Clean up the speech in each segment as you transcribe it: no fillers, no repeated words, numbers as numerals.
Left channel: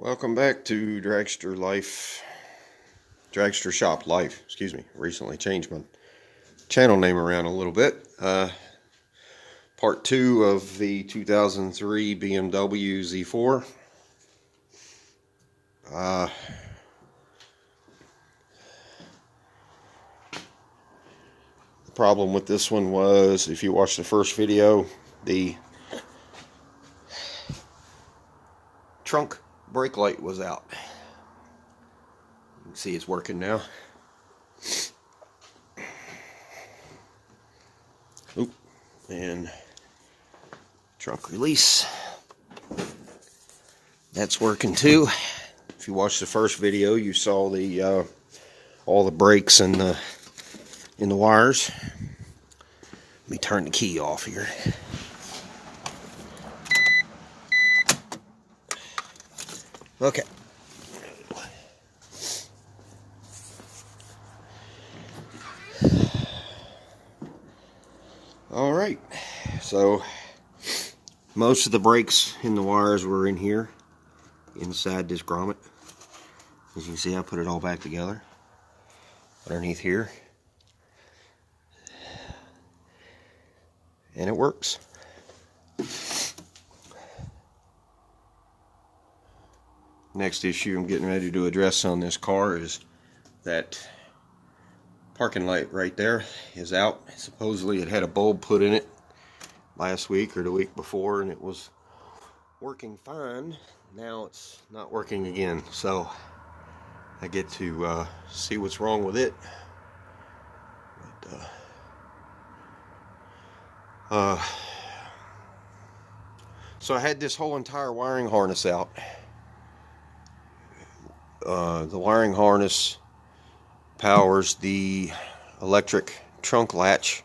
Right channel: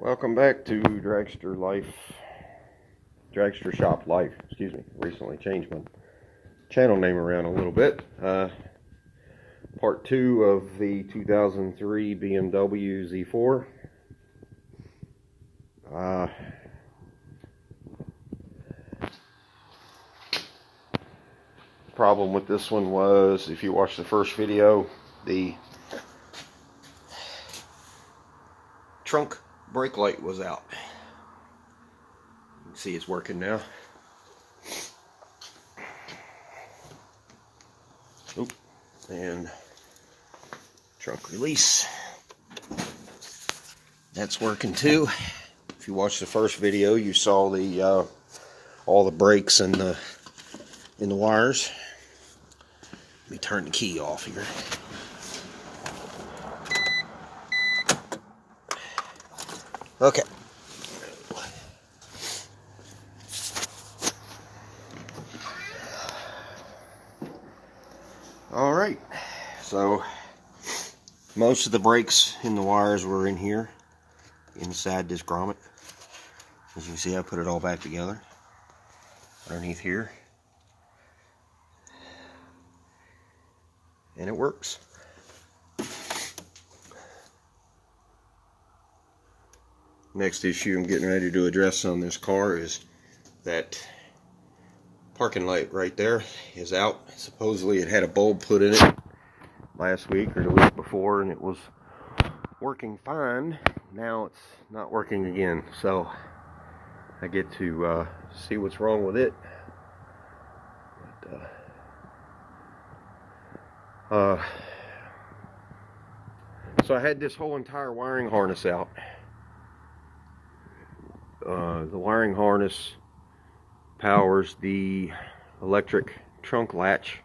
Welcome back to Dragster Shop Life, excuse me. Recently changed my channel name around a little bit. Part 2 of the 2003 BMW Z4. The problem with this one was, if you watch the first video, the trunk brake light was out. You can see it's working now. And trunk release, that's working too. If you watched the first video, you saw the all the brakes in the wires. Let me turn the key off here. Okay. All right. So most of the brakes in the wires were in here, inside this grommet. As you can see, I put it all back together underneath here, and it works. Next issue I'm getting ready to address on this car is that parking light right there is out. Supposedly it had a bulb put in it last week or the week before, and it was working fine. Now it's not working again, so I get to see what's wrong with it. So I had this whole entire wiring harness out. The wiring harness powers the electric trunk latch,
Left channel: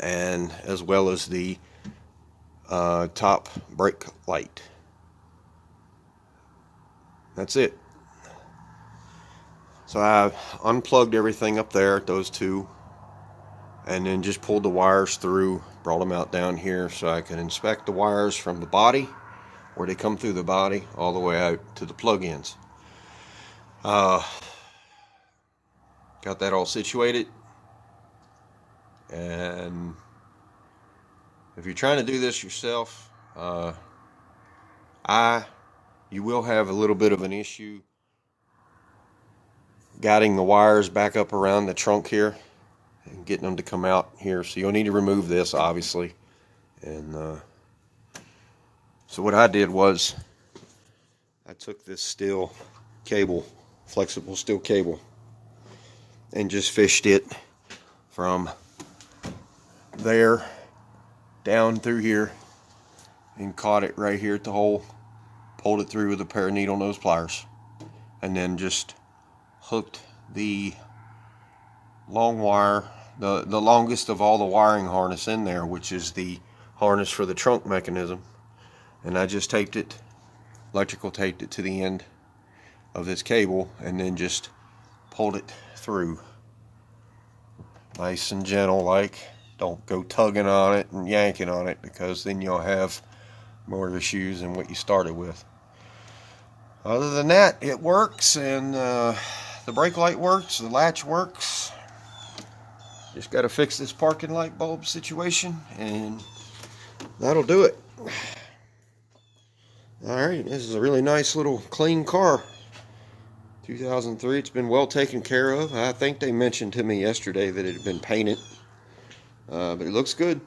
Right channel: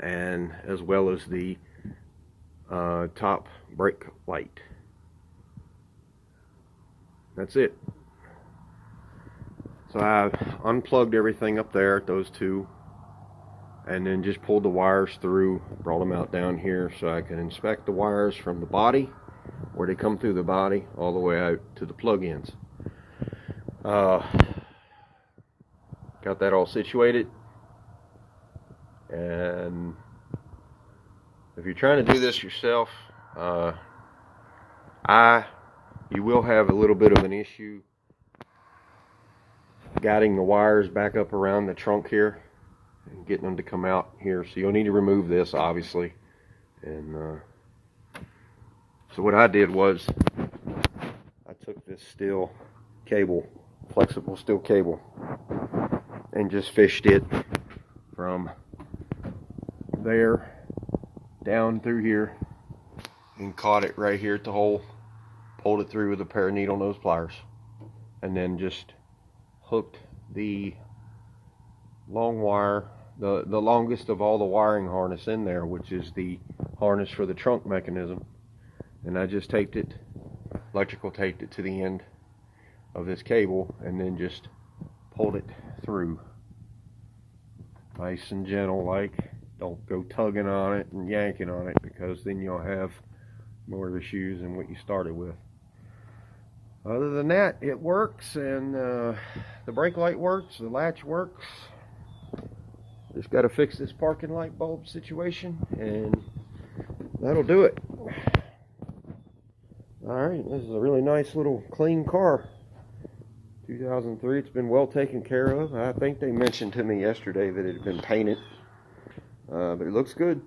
and as well as the top brake light. That's it. So I unplugged everything up there, those two, and then just pulled the wires through, brought them out down here so I could inspect the wires from the body, where they come through the body, all the way out to the plug-ins. Got that all situated, and if you're trying to do this yourself, you will have a little bit of an issue guiding the wires back up around the trunk here and getting them to come out here. So you'll need to remove this, obviously. And so what I did was I took this steel cable, flexible steel cable, and just fished it from there down through here and caught it right here at the hole, pulled it through with a pair of needle nose pliers, and then just hooked the long wire, the longest of all the wiring harness in there, which is the harness for the trunk mechanism, and I just taped it, electrical taped it to the end of this cable, and then just pulled it through nice and gentle, like. Don't go tugging on it and yanking on it, because then you'll have more issues than what you started with. Other than that, it works, and the brake light works, the latch works. Just got to fix this parking light bulb situation, and that'll do it. Alright, this is a really nice little clean car. 2003, it's been well taken care of. I think they mentioned to me yesterday that it had been painted, but it looks good.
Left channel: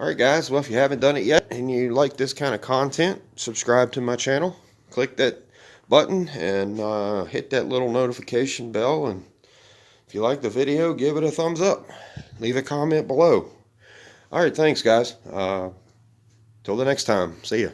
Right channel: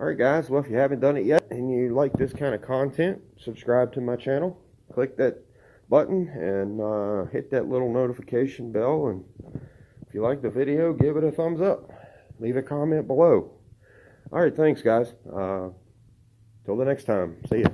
Alright guys, well, if you haven't done it yet and you like this kind of content, subscribe to my channel. Click that button and hit that little notification bell, and if you like the video, give it a thumbs up. Leave a comment below. Alright, thanks guys. Till the next time. See ya.